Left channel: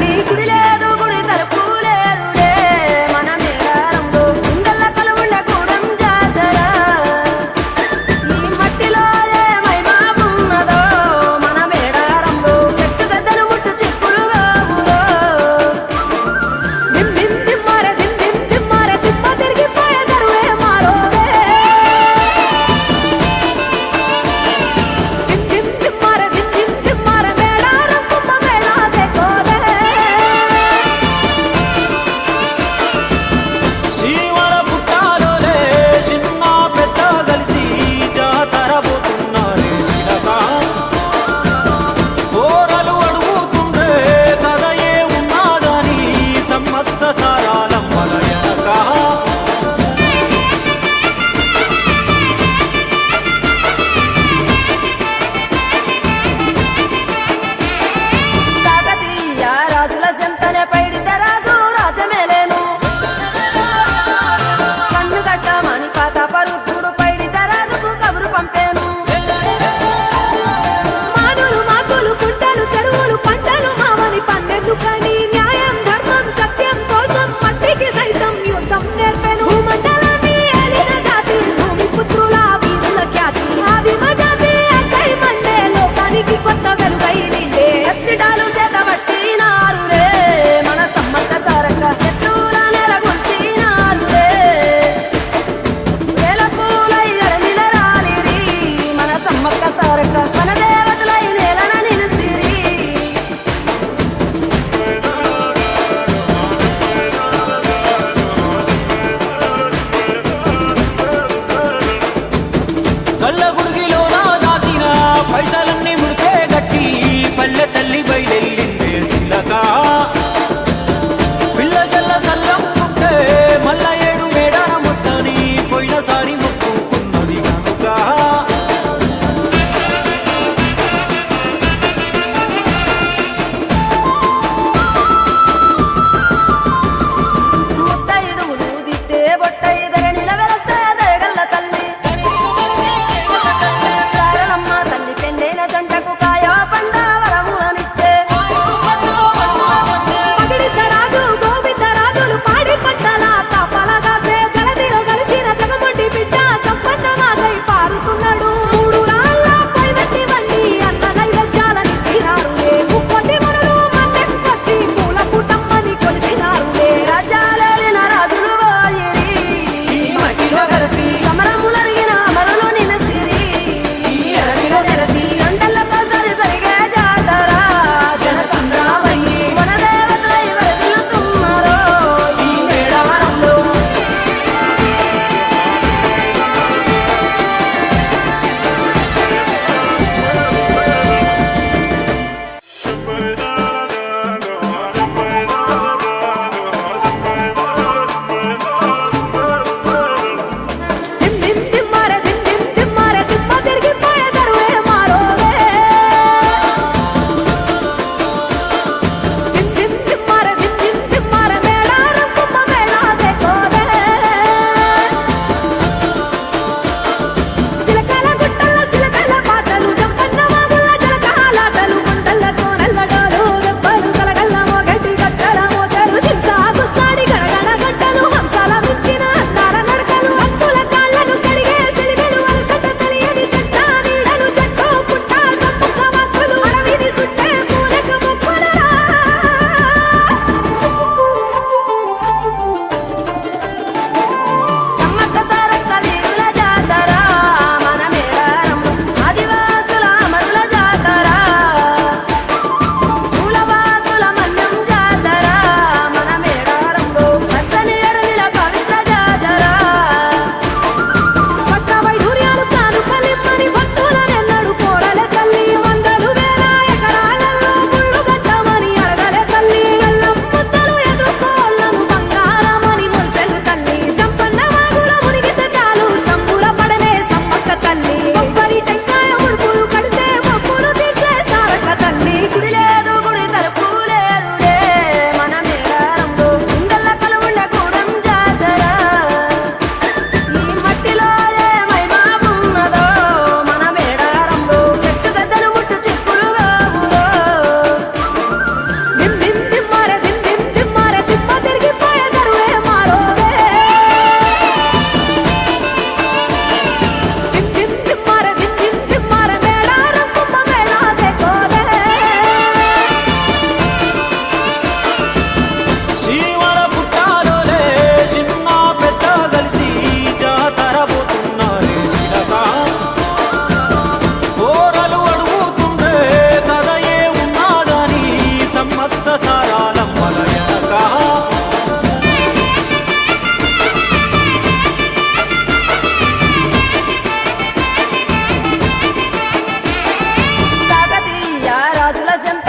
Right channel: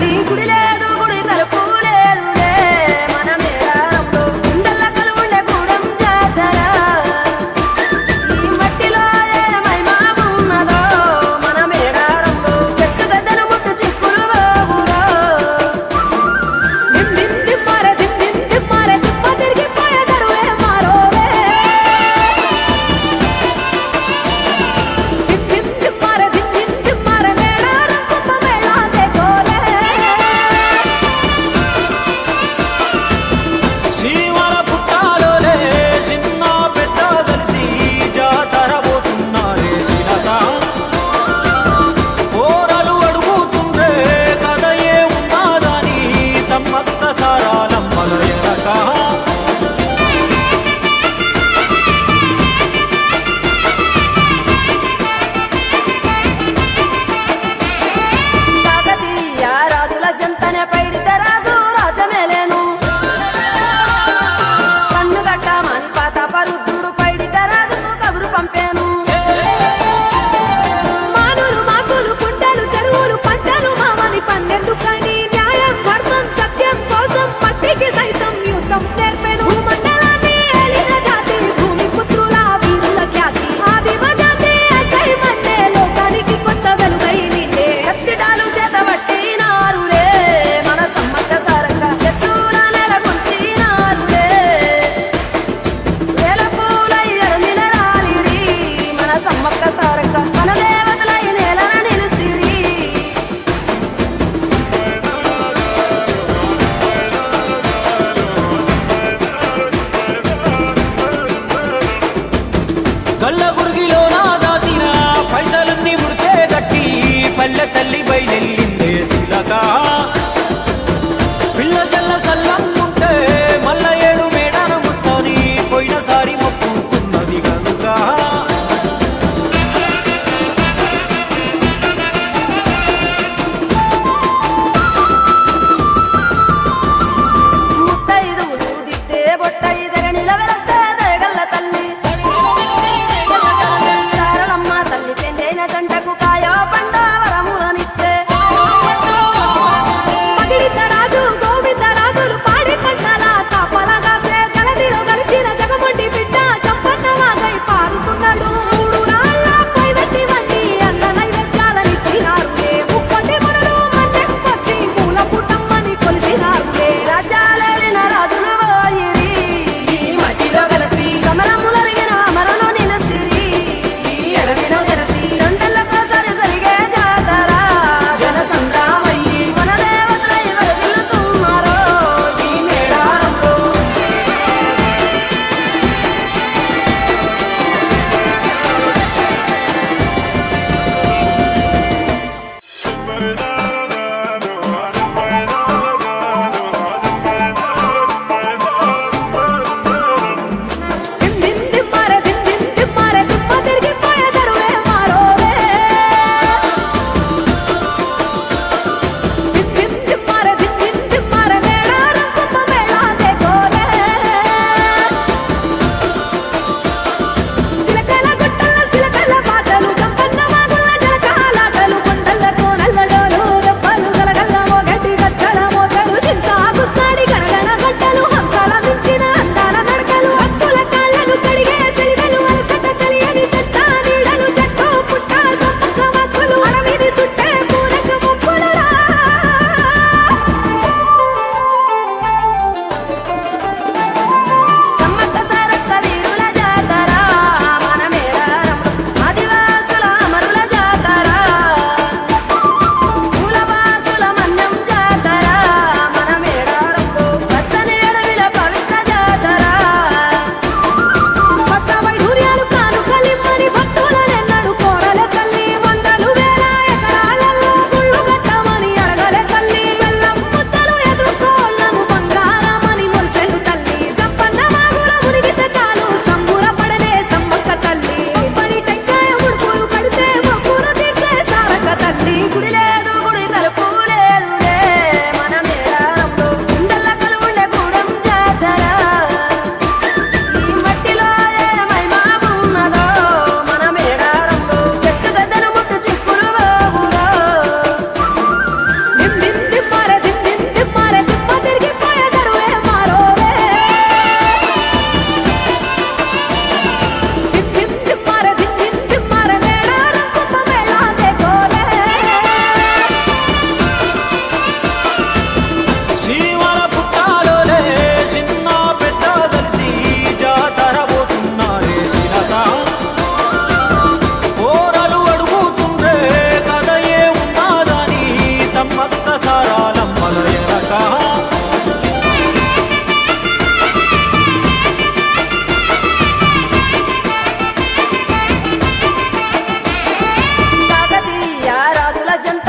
తల్లి గుడి లేదు గుడి తలుపు లేదులే మన మేడారంలో గుండెల్ల కొలువుండే గూడెం జాతర ఈ మట్టిలో ఏ మహిమ ఉన్నదో మన మేడారంలో చెట్టు గద్దను ముట్టు చిక్కులు బాబులో దిమ్ దిమ్ దిమ్మారే దిమ్ దిమ్ దిమ్మారే దిమ్మ తిరిగిపోయే దరువే మారోవే దిమ్ దిమ్ దిమ్మారే దిమ్ దిమ్ దిమ్మారే మేడారం కుంభ మేళా దేకోరే శ్రీవర పుట్టాలోలే చిన్న పెద్ద కలిసి జాతర పోతున్నారే శిలక పోరలు అడుగుతుండ్రే కథ ఏ ఉన్నాదని సమ్మక్క సారాలమ్మల ఎనక కాకతీయ రాజుల చెంతనే పైడితే రాజు రాజమేలేను కన్ను గట్టమని పాతాపరుద్రుడు పైడితే రాజుకు కబురు పంపేను మానులు మాకులు కుంటలు చెరువులు పంటలు మామని పన్నెందుకని న్యాయం ధర్మం సత్యం కోసం మట్టికి సైతం యుద్ధం నేర్పెను భూమండలాన్ని ఏలిన జాతి భూమి పుత్రుల వీరుల ఖ్యాతి ఆదిమ జాతి అక్కై మండే లోకానికి కొత్త వెలుగై నిండే ఎత్తిడాలు చేతబట్టినారులే మన సమ్మక్క సారక్క శత్రువుల నెలగొల్చినారులే వేల పూలై ఎడమిల రాలిరి మన సమ్మక్క సారక్క మన దేవతలై నేలన నిలిసిరి గల్ల గురిగిలోన దాసిన పైసలన్నీ ముడిపే గట్టి పల్లె తల్లి బయలెళ్ళిందే శిలక పిల్ల జల్ల సల్లం ఉంటే మల్ల ఏడు మేడాన ముస్తాని పోయినసారి మొక్కుకున్నది గనుక ముత్తైదువులు దిద్దే బొట్టైదర నిలవెలసే దయగల్ల తల్లి సారలమ్మ తల్లి పెళ్ళైన జంటకు కాయో పండ వరములనిచ్చే పగిడిద్ద రాజు గోవింద రాజులు పాడి పంటల కాపలగాసే జలదిలో కలిసిన జగమొండి బిడ్డ చంపన్న వాగై పారుతున్నాడు మూడు రాళ్ళ పొయ్యి వండి అన్న నైవేద్యాలనిచ్చినారులే ముక్కోటి మునులు మందెంకొచ్చి మూల పుట్టమ్మని కొలిసినారులే రాజ్యాలేలిన రాజులు పోయిరి ఈ మట్టిలో కలిసి సమరములరిగిన అమరులు నిలసిరి ఈ ఎడమిన నెలసి రెండెళ్ళకోసారి జరిగే జాతర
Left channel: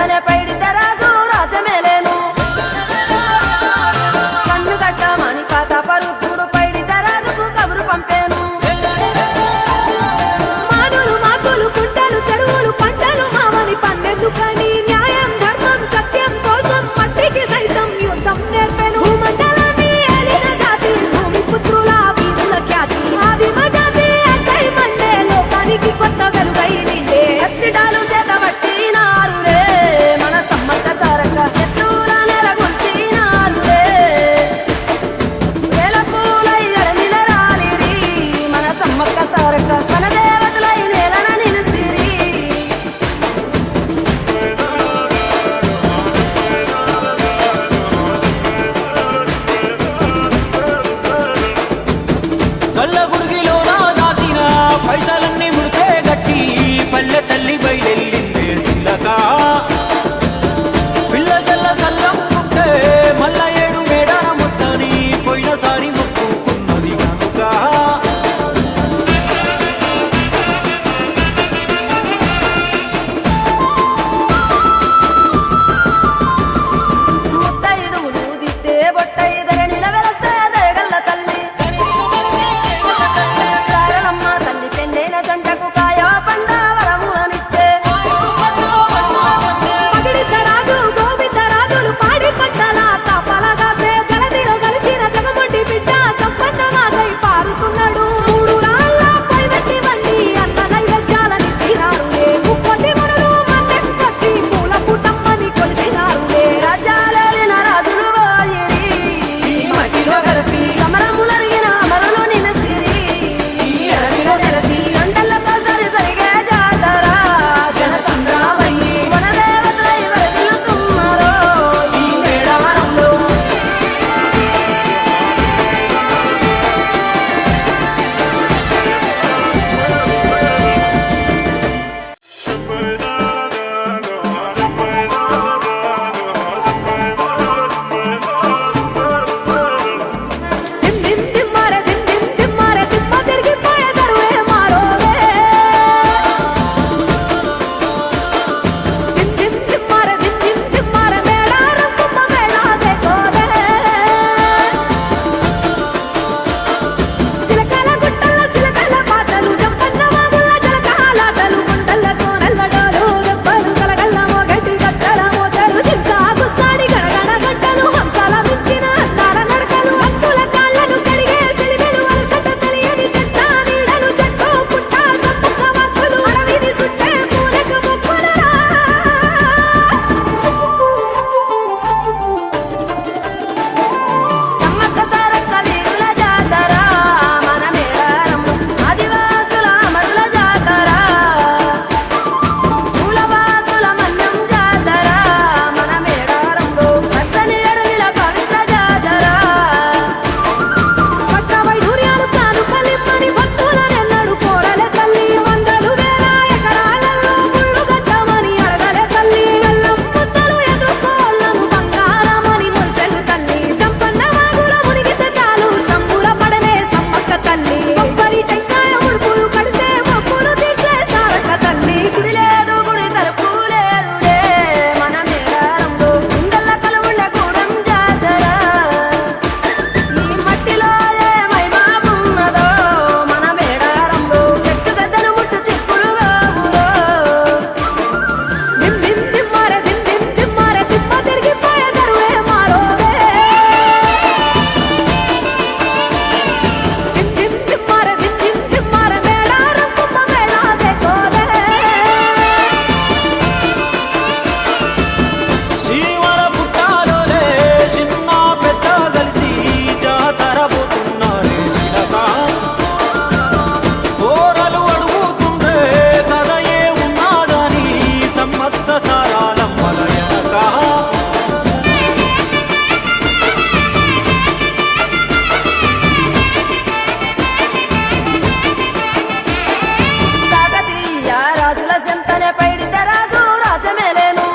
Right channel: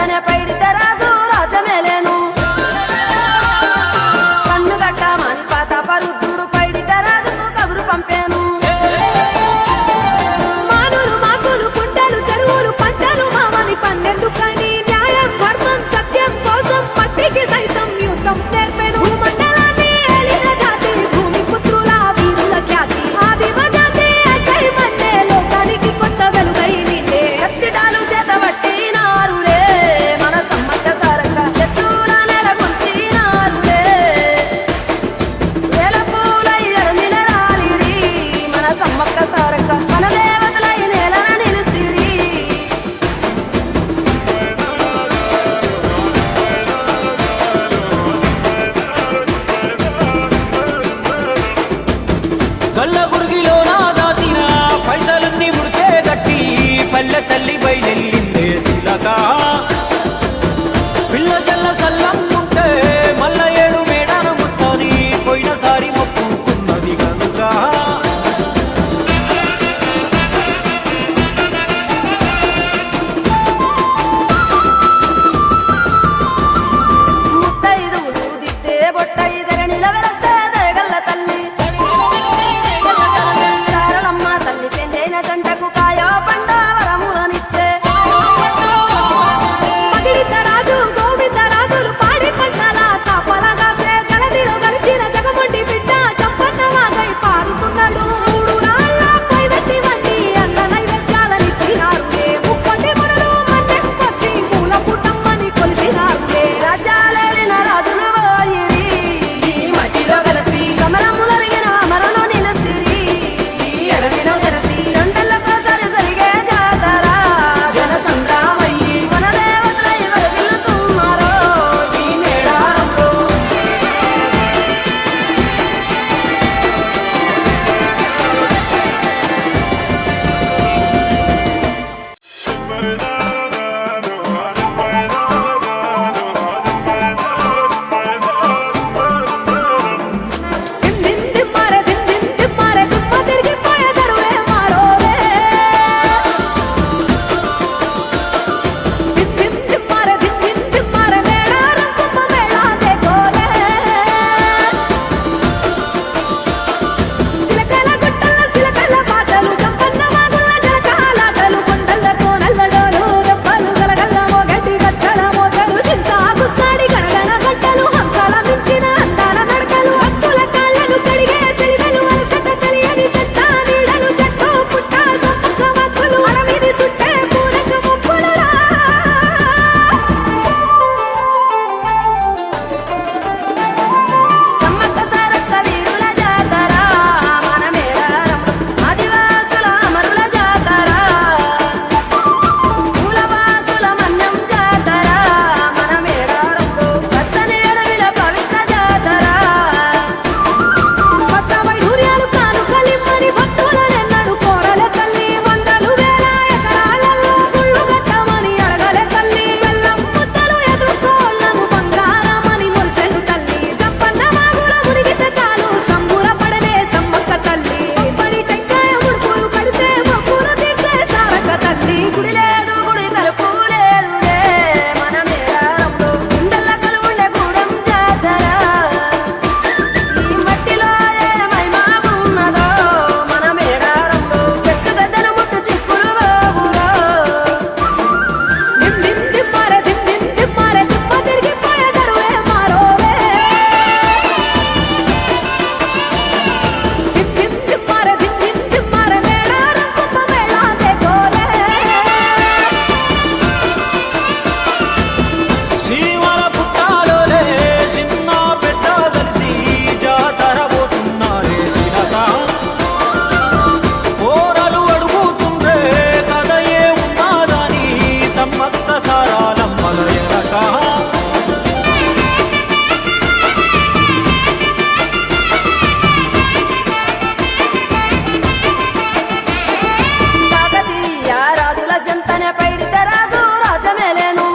చెంతనే పైడిత రాజు రాజమేలేను కన్ను గట్టమని ప్రతాపరుద్రుడు పైడిత రాజుకు కబురు పంపేను మానులు మాకులు కుంటలు చెరువులు పంటలు మామని పన్నెందుకని న్యాయం ధర్మం సత్యం కోసం మట్టికి సైతం యుద్ధం నేర్పెను భూమండలాన్ని ఏలిన జాతి భూమి పుత్రుల వీరుల ఖ్యాతి ఆదిమ జాతి అక్కై మండే లోకానికి కొత్త వెలుగై నిండే కత్తిడాలు చేతబట్టినారులే మన సమ్మక్క సారక్క శత్రువుల నెలగొల్చినారులే వేల పూలై ఎడమిల రాలిరి మన సమ్మక్క సారక్క మన దేవతలై నేలన నిలిసిరి గల్ల గురిగిలోన దాసిన పైసలన్నీ ముడిపే గట్టి పల్లె తల్లి బయలెల్లిందే శిలక పిల్ల జల్ల సల్లంగుంటే మల్ల ఏడు మేడాన ముస్తాని పోయినసారి మొక్కుకున్నది గనుక ముత్తైదువులు దిద్దే బొట్టైదర నిలవెలసే దయగల్ల తల్లి సారలమ్మ తల్లి పెళ్ళైన జంటకు కాయో పండ వరములనిచ్చే పగిడిత రాజు గోవింద రాజులు పాడి పంటల కాపలగాసే జలదిలో కలిసిన జగమొండి బిడ్డ చంపన్న వాగై పారుతున్నాడు మూడు రాళ్ళ పై వెట్టి వండి అన్న నైవేద్యాలనిచ్చినారులే ముక్కొట్టి మునులు మన్నెంకొచ్చి మూల పుట్టమ్మని కొలిసినారులే రాజ్యాలేలిన రాజులు పోయిరి ఈ మట్టిలో కలిసి సమరములరిగిన అమరులు నిలసిరి ఎడమిల నెలసి రెండెళ్ళకోసారి జరిగే జాతర జన సంగ్రామయ్యి మన దేవతలై వరదిల్లుతున్నారో ఈ మేడారంలో దిమ్ దిమ్ దిమ్మారే దిమ్ దిమ్ దిమ్మారే దిమ్మ తిరిగిపోయే దరువే మారోవే దిమ్ దిమ్ దిమ్మారే దిమ్ దిమ్ దిమ్మారే మేడారం కుంభ మేళా దేకోరే సిలకల గుట్టల సిలకల పాటలు జంపన్న వాగుల జలకాలాటలు గుండల్ల కోనల్లడోలు దెబ్బలు గలగల్ల మోగటి గచ్చల మోతరు దింసా గుస్సాడి గణగణ గంటలు హంసాల మించిన అందాల నడకలు అత్తుల కాళ్ళను కడిగే సెలివెలు అలసట తెలియని చెట్ట నీడలు చెట్టు పుట్ట సమ్మక్క వాక్కులు అడవిని సుట్టే పూనక మొక్కులరా సమ్మక్క సారక్క వీరుల జాతర మన మేడారంలో ఆదివాసుల అమరుల జాతర మూలవాసుల మన్యం జాతర మన మేడారంలో పచ్చని అడవిల పవిత్ర జాతర పచ్చ వైఢూర్యాలు కానుకలిమ్మని భక్తులనెన్నడు కోరలే తల్లి వందలు వేల ఎకరాలలో గుళ్ళు గట్టమని అడగలే తల్లి బెల్లం ముద్దలు ఎదుర్కోళ్లను బంగారమని మురిసెలు తల్లి జంపన్న వాగుల మునిగితే చాలు సంబూర పడనే సమ్మక్క తల్లి కొబ్బరి టెంకాయ ముడుపులు కడితే మొక్కులు తీర్చే సారక్క తల్లి గుడి లేదు గుడి తలుపు లేదులే మన మేడారంలో గుండెల్ల కలువుండే గూడెం జాతర ఈ మట్టిలో ఏ మహిమా ఉన్నదో మన మేడారంలో చెట్టు గద్దను ముట్టు చిక్కులు బాబులో దిమ్ దిమ్ దిమ్మారే దిమ్ దిమ్ దిమ్మారే దిమ్మ తిరిగిపోయే దరువే మారోవే దిమ్ దిమ్ దిమ్మారే దిమ్ దిమ్ దిమ్మారే మేడారం కుంభ మేళా దేకోరే శివర పుట్టాలోలే చిన్న పెద్ద కలిసి జాతర పోతున్నారే శిలక పోరలు అడుగుతుండ్రే కథ ఏ ఉన్నాదని సమ్మక్క సారాలమ్మల ఎనక కాకతీయ రాజుల చెంతనే పైడిత రాజు రాజమేలేను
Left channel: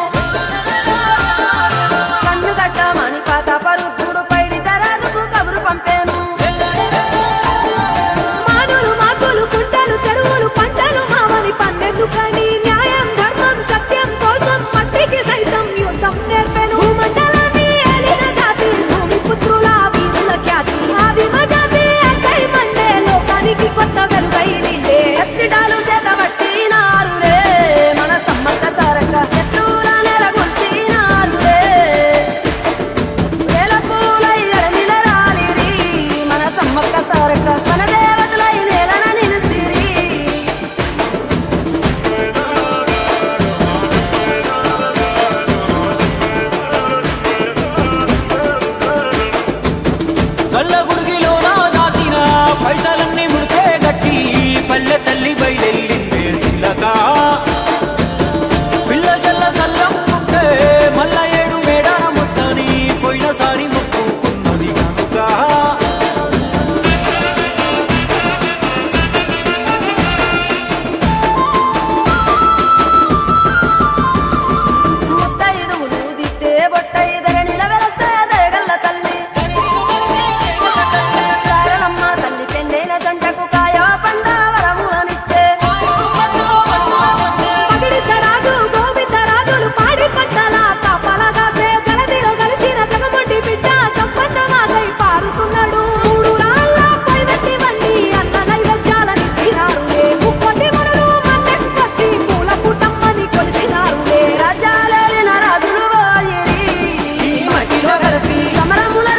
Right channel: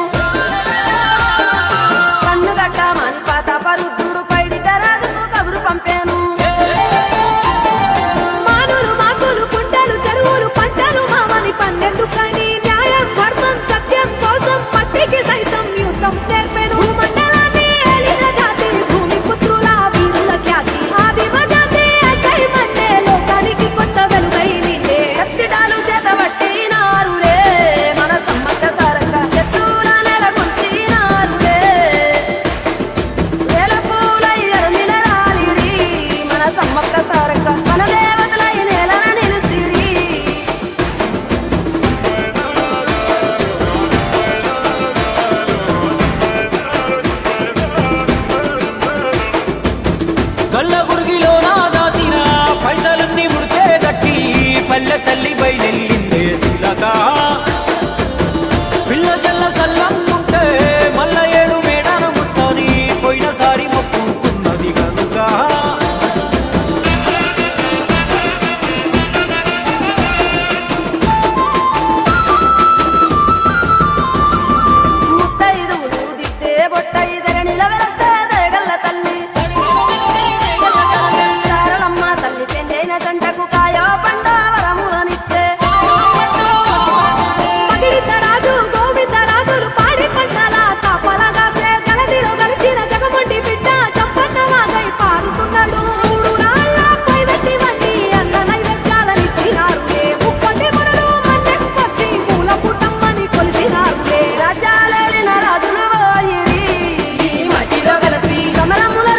కన్ను గట్టమని ప్రతాపరుద్రుడు పైడిత రాజుకు కబురు పంపేను మానులు మాకులు కుంటలు చెరువులు పంటలు మామని పన్నెందుకని న్యాయం ధర్మం సత్యం కోసం మట్టికి సైతం గల్ల గురిగిలోన దాసిన పైసలన్నీ ముడితే గట్టి పల్లె తల్లి బయలెల్లిందే శిలక పిల్ల జల్ల సల్లంగుంటే మల్ల 7 మేడాన ముస్తాని పోయినసారి మొక్కుకున్నది గనుక ముత్తైదువులు దిద్దే బొట్టైదర నిలవెలసే దయగల్ల తల్లి సారలమ్మ తల్లి పెండైన జంటకు కాయో పండ వరములనిచ్చే పగిడిద్దరాజు గోవిందరాజులు పాడి పంటల కాపలగాసే జలదిలో కలిసిన జగమొండి బిడ్డ చంపన్న వాగై పారుతున్నాడు 3 రాళ్ళపై వెట్టి వండి అన్న నైవేద్యాలనిచ్చినారులే ముక్కోటి మునులు మన్నెంకొచ్చి మూల పుట్టమ్మని కొలిసినారులే రాజ్యాలేలిన రాజులు పోయిరి ఈ మట్టిలో కలిసి సమరముల